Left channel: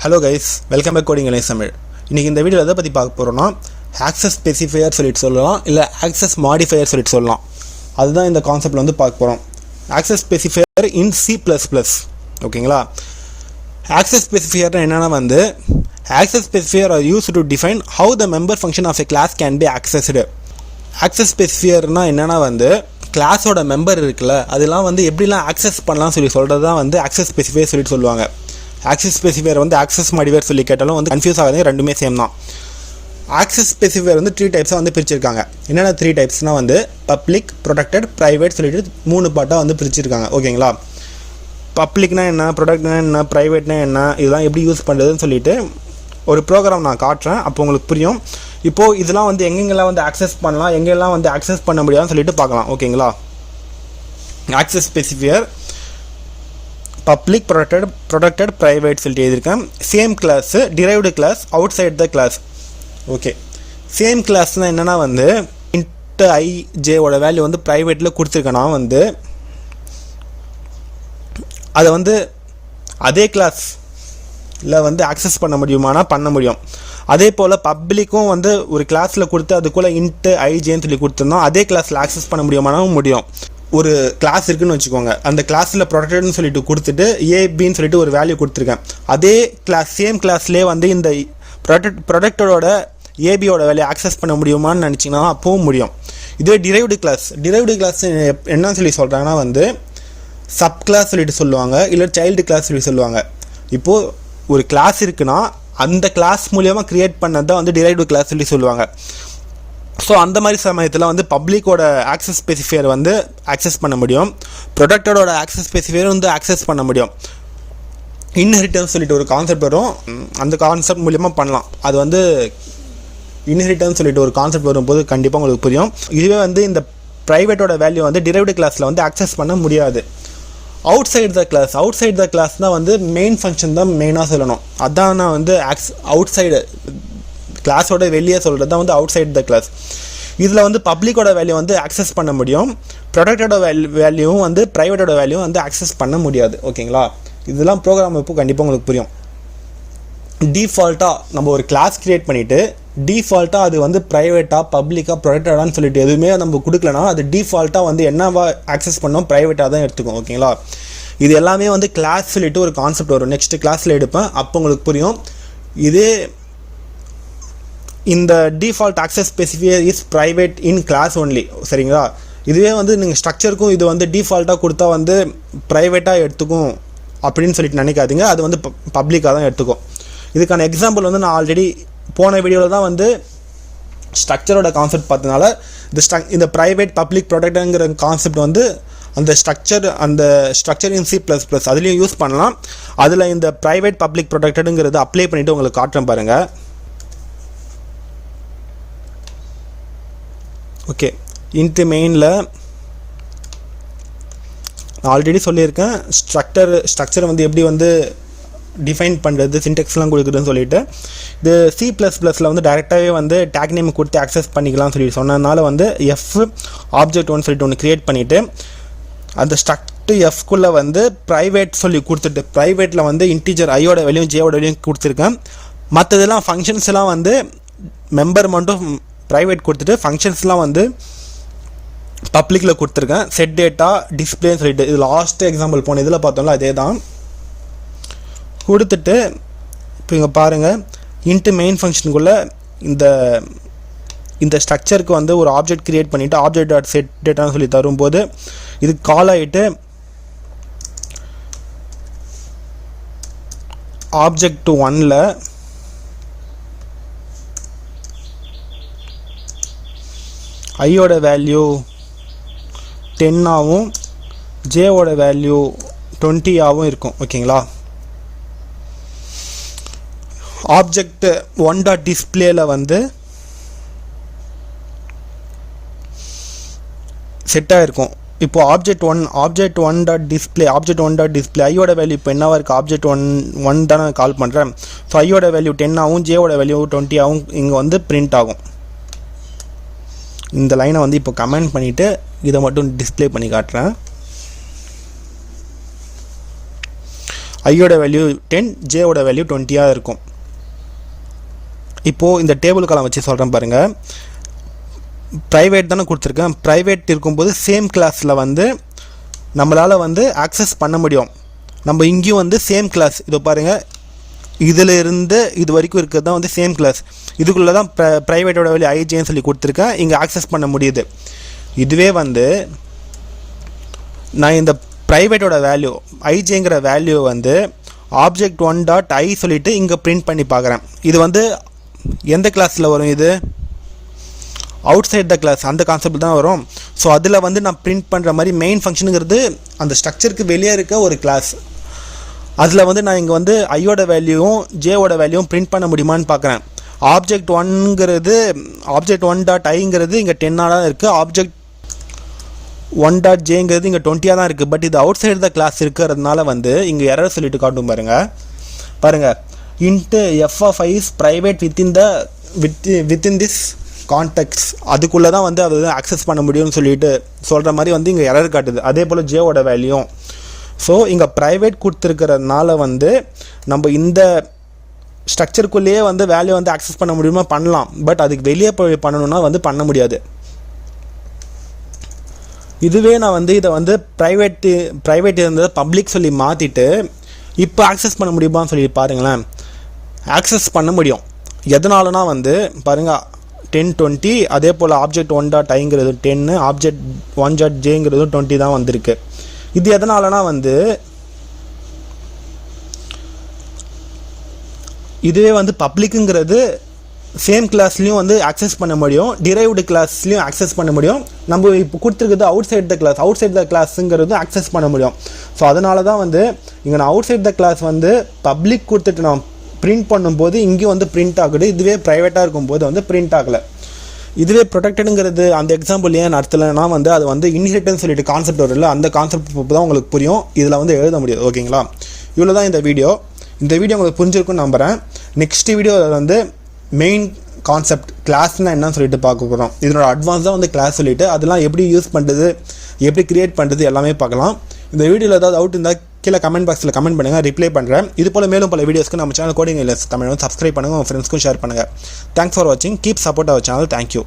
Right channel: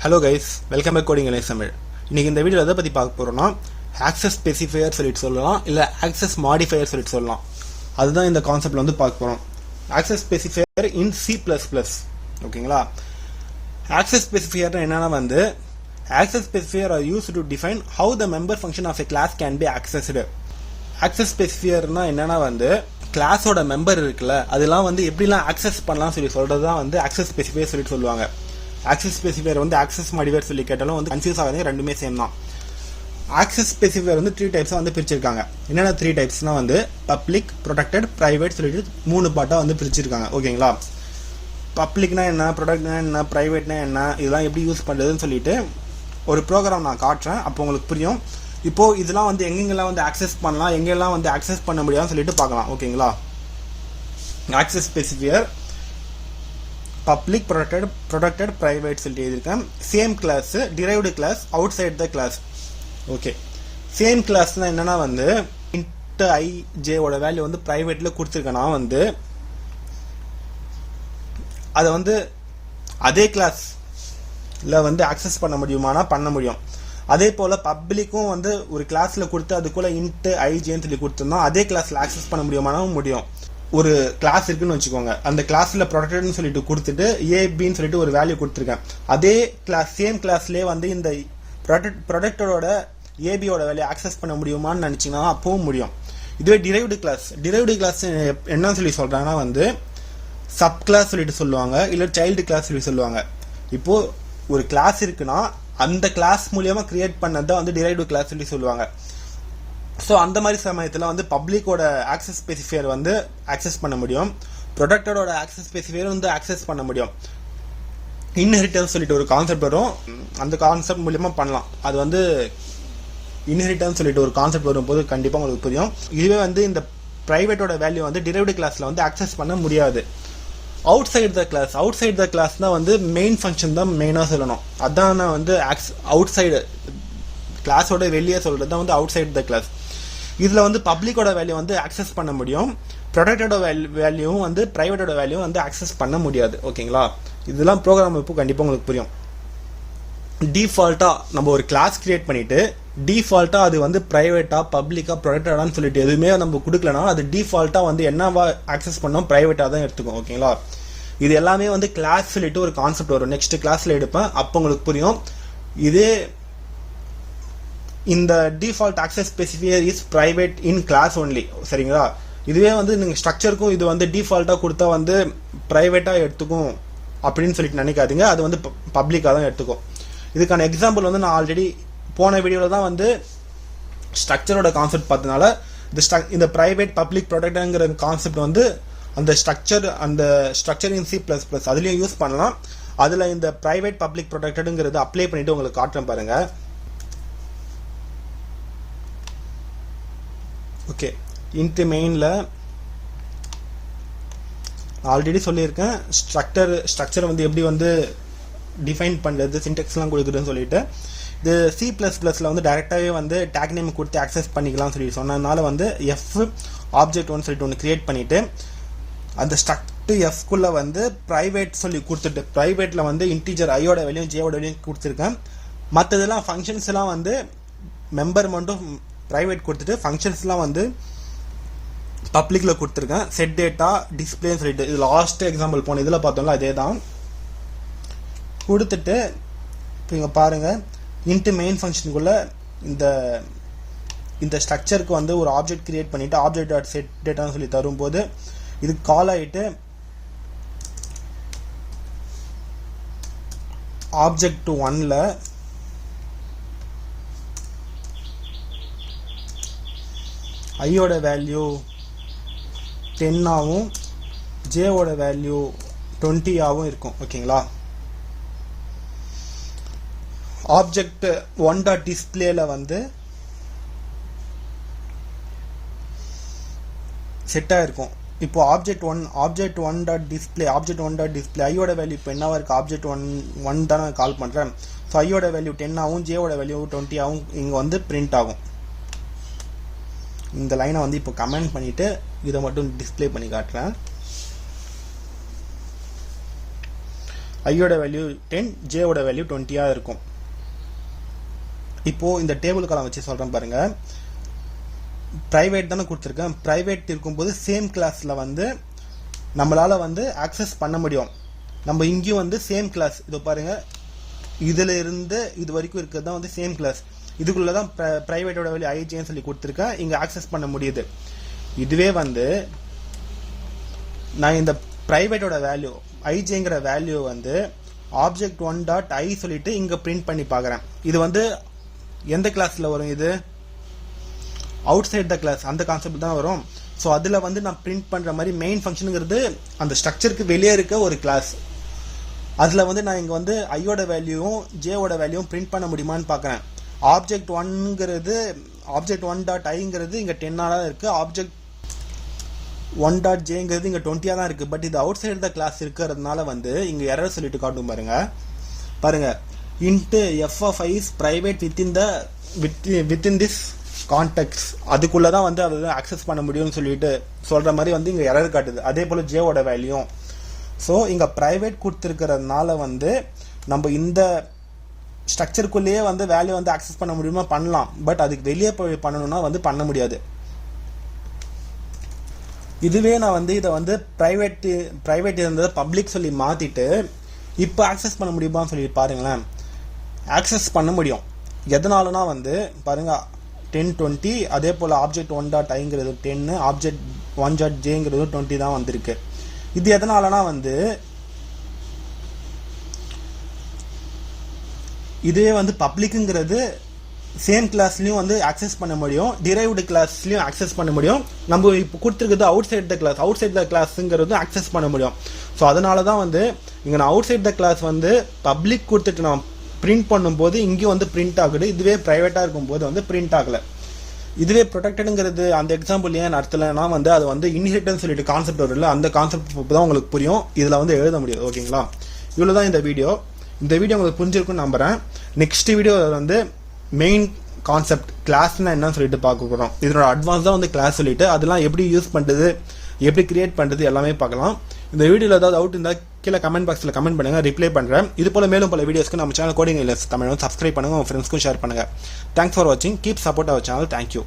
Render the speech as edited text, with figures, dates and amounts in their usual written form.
Hello guys, welcome back Coding English Tamil. இன்னைக்கு இந்த வீடியோல எதை பத்தி பார்க்க போறோம்னா Access Specifier சொல்லிட்டு சொல்லலாம் இல்ல Access Modifier சொல்லிட்டு சொல்லலாம். அதுதான் இந்த கான்செப்ட்ல வந்து பார்க்க போறோம். Access Specifier in C++. ஓகேங்களா? Access Specifier என்னன்னா வந்து Access Specifier are used to define how the member function of a class can be accessed. Access Specifier னா என்னன்னா வந்து கிளாஸோட மெம்பர் இருக்குல்ல அதெல்லாம் வந்து எப்படிலாம் ஆக்சஸ் பண்ணலாம் சொல்லி சொல்றது தான் வந்து Access Specifier சொல்லிட்டு சொல்லுவாங்க. Access Specifier வந்து Access Modifier சொல்லி கேட்டாலும் வந்து கன்ஃபியூஸ் ஆகாதீங்க, ரெண்டுமே சேம் தான். Access Specifier வந்து 3 டைப்ஸாக வந்து பிரிச்சிருக்காங்க. என்னென்ன 3 டைப்ஸ்னால் வந்து பப்ளிக், ப்ரொடெக்டட், ப்ரைவேட் சொல்லிட்டு 3 பார்ட்டாக வந்து பிரிச்சிருக்காங்க. ஓகேங்களா? பப்ளிக்னா என்ன, ப்ரொடக்ட்னா என்ன, ப்ரைவேட்னா என்ன, இதெல்லாம் எப்படி யூஸ் பண்ணுறதுன்னு சொல்லிட்டு ஒரு ப்ரோக்ராம் நான் காட்டுறேன், அப்போ உங்களுக்கு புரியும். இப்போது இதெல்லாம் வந்து எங்கெங்கெல்லாம் வந்து ஆக்சஸ் பண்ணலாம், எங்கெல்லாம் வந்து ஆக்சஸ் பண்ண முடியாதுன்னு சொல்லிட்டு பார்க்கலாம். ஓகேங்களா? Access Specifier public, protected, private சொல்லிட்டு எழுதியிருக்கேன். Same class, derived class, outside the class. Okay, same கிளாஸ்னால் என்னென்னா வந்து இன்ட் ஐ ஜேவோட வேல்யூ வந்து ப்ரைவேட்டில் கொடுத்துருக்கேன்னா வந்து அதை வந்து அதே கிளாஸில் வந்து ஆக்சஸ் பண்ண முடியுமானா பண்ண முடியும். அதே போல் பப்ளிக்கும் வந்து ஒரு கிளாஸில் கொடுத்து அதுக்குள்ளே இன்ட்டு ஐஜேன்னு சொல்லி கொடுத்துருந்தோம், அதே கிளாஸில் ஆக்சஸ் பண்ண முடியுமானாலும் முடியும். ஒரு கிளாஸ் இருக்குன்னு வச்சுக்கோங்க, அந்த கிளாஸில் ப்ரொடெக்டட்னு சொல்லிட்டு கொடுத்துட்டு ஏபின்னு சொல்லிட்டு ஒரு வேல்யூ கொடுத்துருக்கேன். அதே கிளாஸ் சேம் கிளாஸ்லேயே வந்து இந்த ப்ரொடெக்டரோட ஏபியோட வேல்யூ ஆக்சஸ் பண்ண முடியுமான்னு நினச்சிங்கன்னா அப்பவும் முடியும். இதுவே டிரைவ்டு கிளாஸ் என்ன சொல்லி சொல்கிறாங்கன்னா வந்து சப் கிளாஸ் சொல்லிட்டு சொல்லுவாங்க, இல்லை சைல்டு கிளாஸ் சொல்லி சொல்லுவாங்க. இப்போது ஒரு கிளாஸ் இருக்குன்னா அந்த கிளாஸ் மூலியமாக க்ரியேட் பண்ணது தான் வந்து டிரைவ்டு கிளாஸ் சொல்லி சொல்லுவாங்க. ஸோ அந்த மாதிரி சமயத்தில் வந்து பப்ளிக்கோட ஆக்சஸ் ஸ்பெசிஃபையர் வந்து ஆக்சஸ் பண்ண முடியும், ப்ரொடெக்டரோட ஆக்சஸ் ஸ்பெசிஃபையர் வந்து ஆக்சஸ் பண்ண முடியும். இன்ஹெரிட்டன்ஸ் சொல்லிட்டு ஒரு கான்செப்ட் வரும், அந்த கான்செப்ட் மூலியமாக பண்ணலாம். அது வந்து இன்ஹெரிட்டன்ஸ் சொல்லிட்டு ஒரு கான்செப்ட் வரும்போது கண்டிப்பாக உங்களுக்கு புரியும். இதுவே வந்து இந்த ப்ரைவேட்டோட வேல்யூ வந்து டிரைவ்டு கிளாஸில் வந்து ஆக்சஸ் பண்ண முடியாது. அவுட் சைட் த கிளாஸ் தான் வந்து மெயின் ஃபங்க்ஷன் தான் மெயினாக சொல்லணும். அதான் நான் வந்து அவுட் சைடு கிளாஸோட வெளியே சொல்கிறது தான் வந்து அவுட் சைட் த கிளாஸ். இதில் வந்து பப்ளிக்கோட வேல்யூ வந்து ஆக்சஸ் பண்ண முடியும், ப்ரொடெக்டோட வேல்யூவும் வந்து ப்ரைவேட்டோட வேல்யூவும் வந்து ஆக்சஸ் பண்ண முடியாது. ஓகேங்களா? இதெல்லாம் ப்ரோக்ராம் இப்போ கண்டிப்பாக உங்களுக்கு புரியும். டிஃபால்ட்டாக நம்ம ஒரு கிளாஸ் க்ரியேட் பண்ணிவிட்டு டிஃபால்ட்டாக அது வந்து ப்ரைவேட்டாக, பப்ளிக்காக, ப்ரொடெக்டடான்னு சொல்லிட்டு எதுவுமே நம்ம கொடுக்கலனா அது டிஃபால்ட்டாக வந்து என்னவா ஆக்சஸ் பண்ணோம், ப்ரைவேட்டாக தான் எடுத்துக்கும். ஓகேங்களா? இது எல்லாமே வந்து கிளாஸ் சொல்லிட்டு ஒரு கான்செப்ட் வரும், நெக்ஸ்ட் கிளாஸில் எடுப்பேன், அப்போ உங்களுக்கு புரியும். இதே இந்த default access specifier is private in class only. சரிங்களா? இதுவே வந்து நீங்கள் ஸ்ட்ரக்சருக்கும் இது வந்து டிஃபால்ட்டாக கொடுத்தா வந்து ப்ரைவேட்டாக எடுத்துக்கும் அப்படின்னு சொல்லிட்டு நினைக்காதீங்க, அது வந்து பப்ளிக்காக தான் எடுத்துக்கும். இதுக்கான எக்ஸாம்பிள் வந்து நான் ஆல்ரெடி போன வீடியோவில் தான் வந்து ஸ்ட்ரக்சரோட கான்செப்ட் பார்த்ததுனால இந்த ப்ரைவேட், பப்ளிக், ப்ரொடெக்டருங்கிற கான்செப்ட் வந்து அந்த ஸ்ட்ரக்சர் இன் C++ அதுலேயும் யூஸ் பண்ணலாம். அதில் இந்த ப்ரைவேட், பப்ளிக், ப்ரொடெக்டடுங்கிறது அப்ளை பண்ணிவிட்டு உங்களுக்கு காட்டுறேன் பாருங்கள். ஓகே, இன்ட்டு மெயினில் நான் ஆல்ரெடி சொல்லியிருக்கேன் ஸ்ட்ரக்சரை வந்து எப்படி வந்து டிஃபைன் பண்ணுறது, சின்டெக்ஸ்லாம் கொடுக்குதுன்னு சொல்லிட்டு. இது C++ல் வந்து டைரெக்டாகவே வந்து டேக் நேம் கொடுத்து ஆக்சஸ் பண்ணிக்கலாம்னு சொல்லி சொன்னதுனால வந்து object1 சொல்லிட்டு ஒன்று க்ரியேட் பண்ணிவிட்டு அந்த ஸ்ட்ரக்ட் எஃப்குள்ளே வந்து ப்ரைவேட் சொல்லி கொடுத்துட்டு ப்ரைவேட்டில் வந்து இன்டீஜர் ஐயோட வேல்யூ ஜேவோட வேல்யூ கொடுத்துருக்கேன். மற்றதெல்லாம் ஃபங்க்ஷன்ஸ் எல்லாம் வந்து மெம்பர் மட்டும் ப்ரைவேட் கொடுத்துட்டு ஃபங்க்ஷன்ஸ்லாம் வந்து பப்ளிக்கில் கொடுத்துருக்கேன். செட் டேட்டா, டிஸ்பிளேன்னு சொல்லிட்டு இது லாஸ்ட் எக்ஸாம்பிள் போன இதில் பார்த்தோம்ல அதே தான் கொடுத்துட்டு இப்போ இங்கே பாருங்கள், இன்ட்டு மெயின் ஃபங்க்ஷனுக்குள்ளே இந்த ஸ்ட்ரக்சருக்கு வந்து ஒரு ஆப்ஜெக்ட் க்ரியேட் பண்ணிவிட்டு ஆப்ஜெக்ட் டாட் செட் டேட்டான்னு சொல்லி தரும்போது இது கால் ஆகிட்டு object1ல் ஐயோட வேல்யூ 10ஆகவும் ஜேவோட வேல்யூ 20ஆகவும் இருக்கும். ஓகேங்களா? object1.displayல வந்து செட்டாக இருக்கும். இப்போ object1.display ஐயோட வேல்யூ இப்போ என்னவா இருக்குது, object1 தானே கால் பண்ணுறேன். ஸோ ஐயோட வேல்யூ 10ஆகவும் ஜேவோட வேல்யூ 20ஆகவும் இங்கே வந்து பிரிண்ட் ஆகும். இந்த லைனை வந்து இப்போ கமெண்ட் பண்ணிவிட்டு இதை மட்டும் டிஸ்ப்ளே பண்ணி காட்டுறேன். ஐயோட வேல்யூ 10 ஜேவோட வேல்யூ 20 இருக்கும். இப்போது இந்த டேபிள் காலம் வச்சு சொல்கிறேன் பாருங்கள். ப்ரைவேட் தானே கொடுத்துருக்கேன். ப்ரைவேட் இருக்கும்போது சேம் கிளாஸில் வந்து நம்மளால் வந்து ஆக்சஸ் பண்ண முடியும். நம்ம இங்கேயும் வந்து சேம் கிளாஸ், இதோ பாருங்கள், இதில் இருந்து இது வரைக்கும் இருக்கிறது தான் வந்து சேம் கிளாஸ். இதுக்குள்ளே தான் ப்ரைவேட்டோட வேல்யூ ஐஜேன்னு சொல்லி கொடுத்துருக்கேன். இங்கே ஆக்சஸ் பண்ண முடியுது. இதுவே வந்து நான் இந்த ப்ரைவேட்டோட வேல்யூ ஐஜேங்கிற வேல்யூ வந்து object1.i சொல்லிவிட்டு இங்கே பிரிண்ட் பண்ணி பார்க்குறேன். இது வந்து எந்த கிளாஸில் வரும்? இது அவுட் சைட் த கிளாஸ் அந்த கான்செப்ட் தான் வரும். ஸோ அதில் வந்து நான் பிரிண்ட் பண்ணுற மாதிரி மெயின் ஃபங்க்ஷனுங்கிறது அந்த ஸ்ட்ரக்சருக்கு வெளியே இருக்க ஒரு கிளாஸ். அதில் வந்து நான் இங்கே வந்து ஐயோட வேல்யூவும் ஜேவோட வேல்யூவும் பிரிண்ட் பண்ண முடியுமான்னு பார்க்குறேன். object1.iங்கிறது இங்கே 10 தான் இருக்குது. object1.jங்கிறது இங்கே 20 தான் இருக்குது. பட் இது அவுட் சைடு த கிளாஸ் இருக்கிறதுனால வந்து இங்கே எரர் சொல்லிட்டு காட்டும் பாருங்கள் into f of i is private within this contacts. அதுக்குள்ளே தான் வந்து அதை ஆக்சஸ் பண்ண முடியும்னு சொல்லிட்டு சொல்கிற மாதிரி வந்து இங்கே எரர் காட்டுது. அதே போல் ஜேவோட வேல்யூ. ஸோ இங்கே ப்ரைவேட் கொடுத்துருக்கிறதுனால வந்து நம்ம இந்த ஸ்ட்ரக்சருக்குள்ளேயே வந்து வேல்யூ வந்து ஆக்சஸ் பண்ண முடியுமா? பண்ணலாம். பட் அதுக்கு வெளியே போய் பண்ணணும்னா வந்து பண்ண முடியாது. இதுவே நான் வந்து இதை வந்து ப்ரைவேட் இருந்தது பப்ளிக் சொல்லி மாற்றிட்டு இப்போ ஆக்சஸ் பண்ண முடியுமான்னு சொல்லி பாருங்களேன். ஆக்சஸ் பண்ண முடியும். எதனாலனா வந்து பாருங்கள் 1020, அதே போல் object1.iங்கிறது 10, object1.jங்கிறது 20 தான் வந்திருக்கு. இது எதனாலனா வந்து இதுவே வந்து பப்ளிக்குங்கிறது சேம் கிளாஸ்லையும் வந்து ஆக்சஸ் பண்ண முடியும், டிரைவ்டு கிளாஸ்லையும் ஆக்சஸ் பண்ண முடியும். நம்ம இப்போ கொடுத்துருக்குறது அவுட் சைட் த கிளாஸுங்கிறது ஆக்சஸ் பண்ண முடியும். ஸோ அதனால தான் வந்து இங்கே நான் அவுட் சைட் த கிளாஸ் வந்து பப்ளிக் கொடுத்துட்டு நான் பிரிண்ட் பண்ணும்போது இங்கேயும் வந்து பிரிண்ட் ஆகுது. இதுவே ப்ரைவேட்டாக இருக்கும்போது வந்து பிரிண்ட் ஆகலை. இதுவே ப்ரொடெக்டடுங்கிறது அந்த எக்ஸாம்பிள் ஏன் நடத்தலைன்னா வந்து அது வந்து இன்ஹெரிட்டன்ஸ் சொல்லிட்டு கான்செப்ட் வரும் இல்லை, அந்த கான்செப்ட் தான் உங்களுக்கு புரியும். இதில் வந்து எழுத முடியாது. ஓகேங்களா? இவ்வளோ தான் இந்த வீடியோ உங்களுக்கு புரிஞ்சிருக்குன்னு நம்புகிறேன். நெக்ஸ்ட் வீடியோவில் வந்து மெயின் கான்செப்ட் கிளாஸ்னால் என்னன்னு சொல்லிட்டு பார்க்க போகிறோம். இதனோட அட்வான்ஸ் தான் வந்து கிளாஸ் சொல்லிட்டு அதெல்லாம் எப்படி யூஸ் பண்ணுறது, எப்படி கிரியேட் பண்ணுறது எல்லாமே பார்க்கலாம். இந்த வீடியோவில் ஏதாவது அவுட் இருந்தால் கீழே கமெண்ட் பாக்ஸில் கமெண்ட் பண்ணுங்கள், ரிப்ளை பண்ணுறேன். இது போல் மேலும் பல வீடியோஸ்க்கு நம்ம சேனல் கோடிங் தமிழ் வந்து சப்ஸ்கிரைப் பண்ணுங்கள், உங்கள் ஃப்ரெண்ட்ஸ்க்கும் ஷேர் பண்ணுங்கள். தேங்க்ஸ் ஃபார் வாட்சிங். Keep support our channel. Thank you.